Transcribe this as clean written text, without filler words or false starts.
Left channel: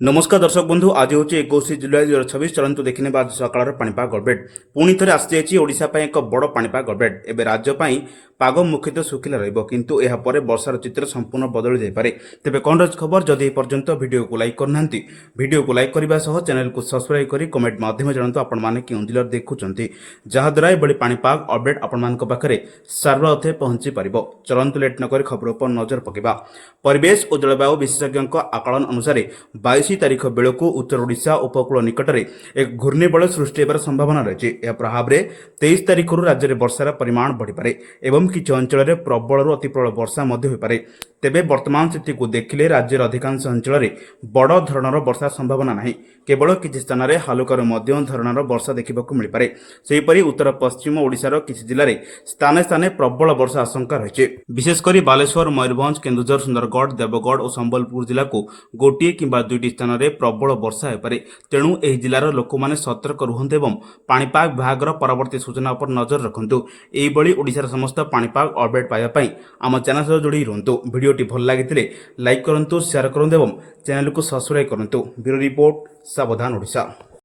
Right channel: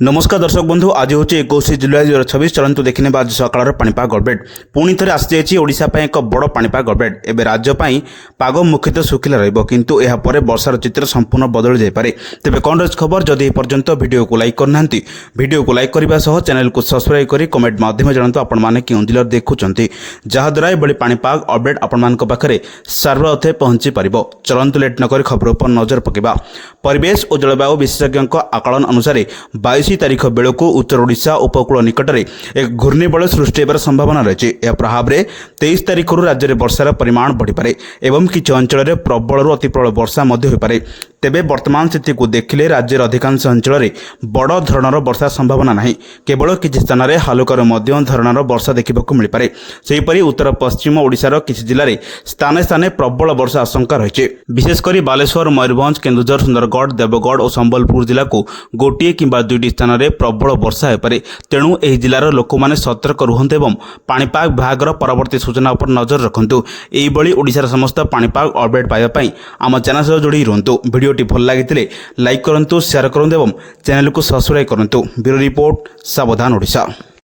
नमस्कार दर्शक बंधु आज हूँ 21 जुलाई 2026 चलतु देखने आज सकाल पाणीपाग अपडेट पुणी थे आसी ओडिशा एक बड़ पाणीपाग अपडेट एवं राज्य पाग मुख्यतः शुखिला रु वर्षार चित्र संपूर्ण बदली जापे तेज कौन रही खबर जदि पर्यंत भिडियो को लाइक करना भिडियो को लाइक करने सह चैनल को सब्सक्राइब कर कमेंट माध्यम जानतु आपण क्यों जिले देखुंत जहाद्वारा ये पाणीपाग अपडेट आपण पाखे सर्वथे पहुंची पार चलतु लेट नक खबर पर नजर पकेबा परिवेश और जलवायु विशेषज्ञ आकलन अनुसार 22 तारीख बेलू उत्तर ओडिशा उपकूल निकट में एक घूर्णिबल सृष्टि होबार संभावना रही है। प्रभाव में 23 तारीख राज्य में वर्षार परिमाण बढ़ीपे और किसी अंचल प्रबल अति प्रबल वर्षा होपे तेबे वर्तमान स्थिति को देखिले राज्य अधिकांश अंचल में बड़ धरणर वर्षा संभावना नहीं केवल किसी स्थान में हालुकार मध्यम धरणर वर्षा देखा मिलपे सेहीपरि उत्तर पश्चिम ओडिशार किसी जिले में स्थाने स्थाने प्रबल वर्षा आशंका रही विशेषकर बालेश्वर मयूरभंज केन्दुझर सुंदरगढ़ देवगढ़ और संबलपुर जिला को गोटे किंबा दुईटी स्थान में प्रबल वर्षा होपे तेणु यह जिलार लोक मैंने सतर्क रुहतु और पाणीपाग विभाग परवर्ती सूचना पर नजर रखु यही ओडिशार समस्त पाणीपाग अपडेट पाइबापी आम चैनल सह जोड़ी रुहतु भिडियोटी भल लगी लाइक करूँ शेयर करूँ और चैनल को सब्सक्राइब करूँ ब्यूरो रिपोर्ट सावधान ओडिशा।